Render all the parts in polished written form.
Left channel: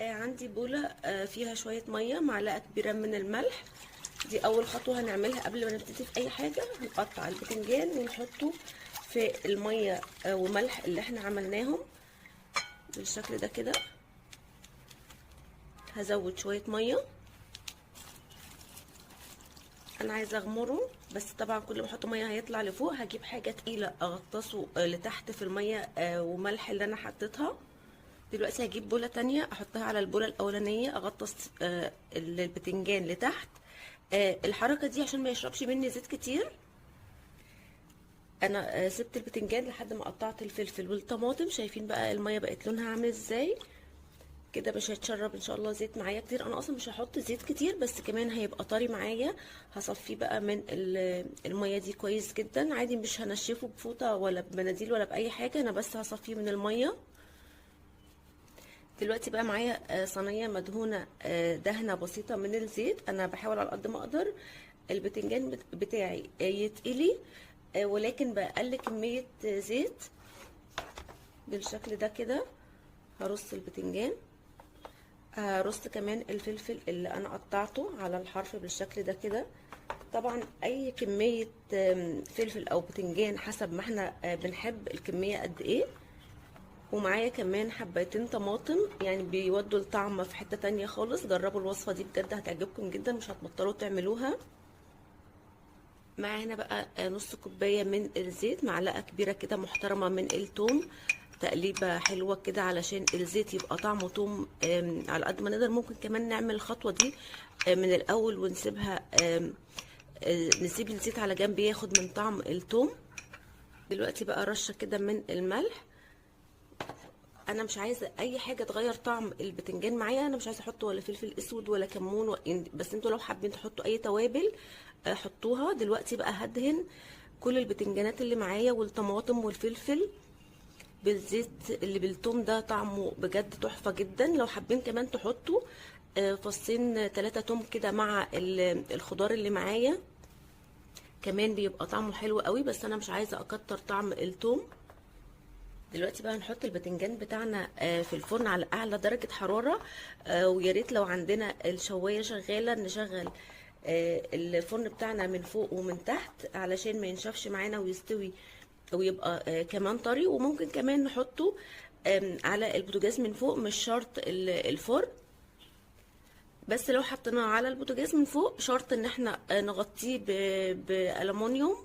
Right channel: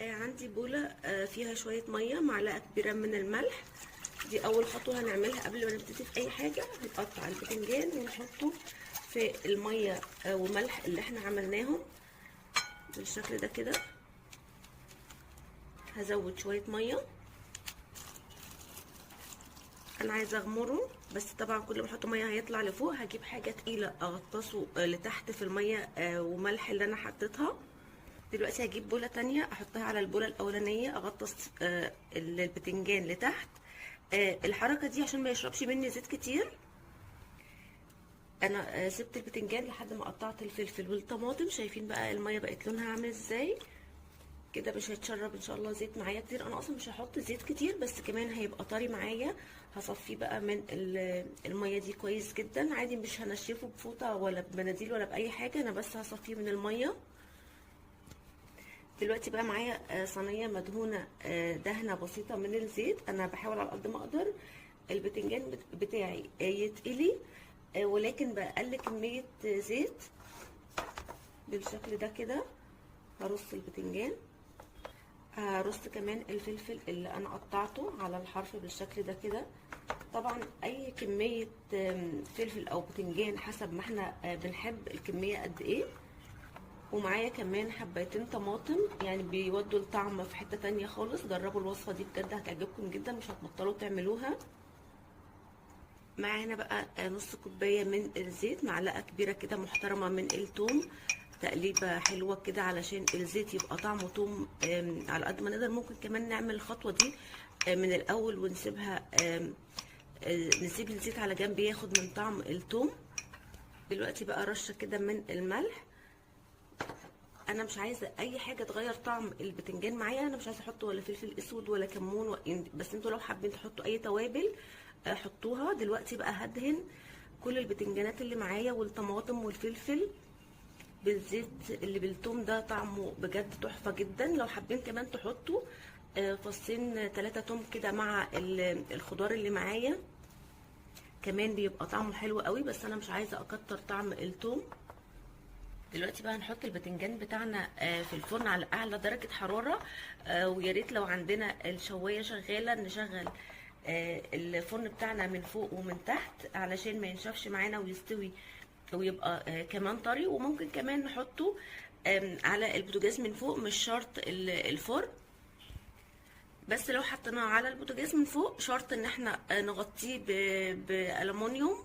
عندي بولة فيها شوية مية، معلقة كبيرة من الملح. دي أول خطوة هنعملها قبل ما نبتدي في أي حاجة. هنقطع البتنجان ونحطه في المية وملح اللي احنا عملناهم بالشكل ده كده. هزود شوية مية، أنا عايزة أغمره، بس طبعا كل ما أحط مية هيطلع لفوق. هجيب حاجة تقيلة أغطسه لتحت في المية وملح اللي أنا حطيتها. دلوقتي هجيب بولة تانية احطها على البولة الاولانية، اغطس البتنجان لتحت. الحركة دي عشان ما يشربش مني زيت كتير. انا سبت البتنجان لحد ما قطعت الفلفل والطماطم. شايفين بقى المية بقت لونها عامل ازاي كده؟ مش هيتشرب ان شاء الله زيت معايا كتير. انا اصلا مش هحط زيت كتير، بس كمان هيبقى طري معايا. هصفيه بقى من المية دي كويس جدا عادي، مش هنشفه بفوطة ولا بمناديل ولا باي حاجة، انا بس هصفيه من المية. دلوقتي بقى معايا صينيه مدهونه دهنه بسيطه من الزيت. انا بحاول على قد ما اقدر البتنجان بتاعي يتقلي، ولكن بقلل كميه زيت بالشكل ده كده. هرص البتنجان، هرص كمان الفلفل اللي انا قطعته على الحرف بالشكل ده كده. طبعا اي كميه فلفل او بتنجان حسب ما احنا بنحب الكميه قد ايه. ومعايا كمان حبايتين طماطم، يعني بيودوا الطعم في حتة تانية خالص. جربوا الوصفة دي بجد هتعجبكم جدا، مش هتبطلوا تعملوها. معانا بقى نص كوباية من الزيت، معلقة كبيرة كده محترمة من الثوم. تقليبة حلوة كده علشان الزيت يبقى طعمه ثوم على قد ما نقدر. ممكن كمان نعمل الخطوة دي من الأول ونسيبها، نسيب الزيت على جنب ياخد من طعم الثوم. دلوقتي بقى رشة كده من الملح. انا مش عايزه اي حاجه تغير طعم البتنجان معايا. انا مش عايزه احط ولا فلفل اسود ولا كمون بس انتوا لو حابين تحطوا اي توابل حطوها. دلوقتي بقى هدهن كل البتنجانات اللي معايا والطماطم والفلفل بالزيت اللي بالثوم ده. طعمه بجد تحفه جدا. لو حابين كمان تحطوا فصين 3 توم كده مع الخضار اللي معايا، كمان بيبقى طعمه حلو قوي، بس انا مش عايزه اكتر طعم الثوم. دلوقتي بقى هنحط البتنجان بتاعنا في الفرن على اعلى درجة حرارة. ويا ريت لو عندنا الشواية شغالة نشغل الفرن بتاعنا من فوق ومن تحت علشان ما ينشفش معانا ويستوي ويبقى كمان طري. وممكن كمان نحطه على البوتاجاز من فوق، مش شرط الفرن. بس لو حطيناه على البوتاجاز من فوق شرط ان احنا نغطيه بألمونيوم.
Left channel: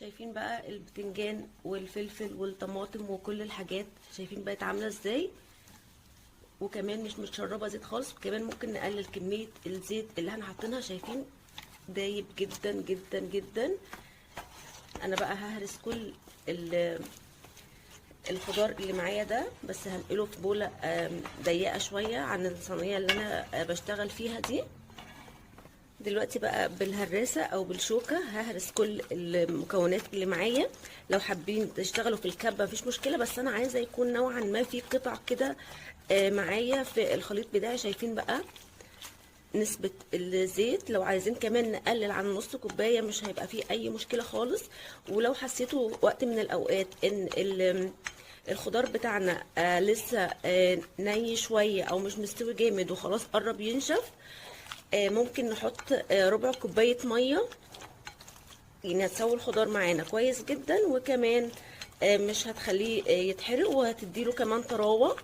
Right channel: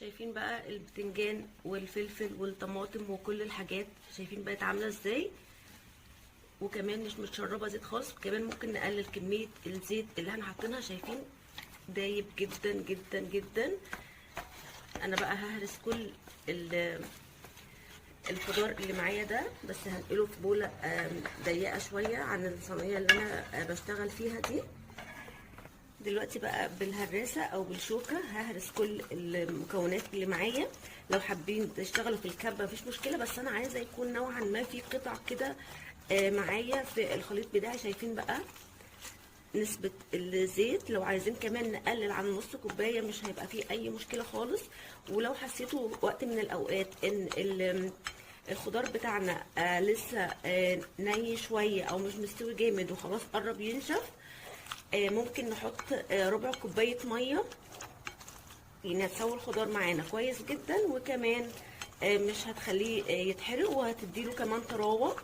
شايفين بقى البتنجان والفلفل والطماطم وكل الحاجات، شايفين بقت عامله ازاي؟ وكمان مش متشربه زيت خالص. كمان ممكن نقلل كميه الزيت اللي احنا حاطينها. شايفين دايب جدا جدا جدا. انا بقى ههرس كل الخضار اللي معايا ده، بس هنقله في بوله ضيقه شويه عن الصينيه اللي انا بشتغل فيها دي. دلوقتي بقى بالهراسة او بالشوكة ههرس كل المكونات اللي معايا. لو حابين تشتغلوا في الكبة مفيش مشكلة، بس انا عايزة يكون نوعا ما في قطع كده معايا في الخليط بتاعي. شايفين بقى نسبة الزيت؟ لو عايزين كمان نقلل عن نص كوباية مش هيبقى فيه اي مشكلة خالص. ولو حسيتوا وقت من الاوقات ان الخضار بتاعنا لسه ني شوية او مش مستوي جامد وخلاص قرب ينشف، ممكن نحط ربع كوباية مية، يعني هتسوي الخضار معانا كويس جدا. وكمان مش هتخليه يتحرق وهتديله كمان طراوة.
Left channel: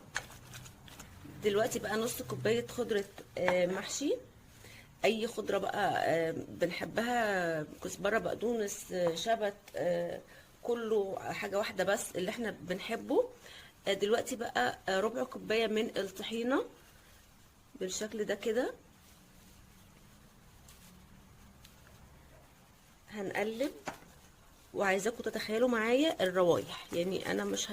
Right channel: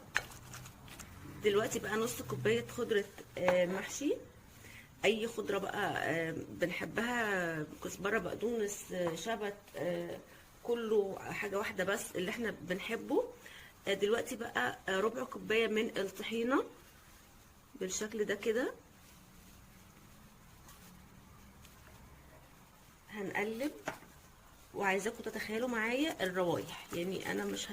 دلوقتي بقى نص كوباية خضرة محشي، اي خضرة بقى بنحبها، كزبرة، بقدونس، شبت، كله حاجة واحدة بس اللي احنا بنحبه. دلوقتي بقى ربع كوباية من الطحينة بالشكل ده كده. هنقلب، وعايزاكم تتخيلوا معايا الروايح، يعني انا مش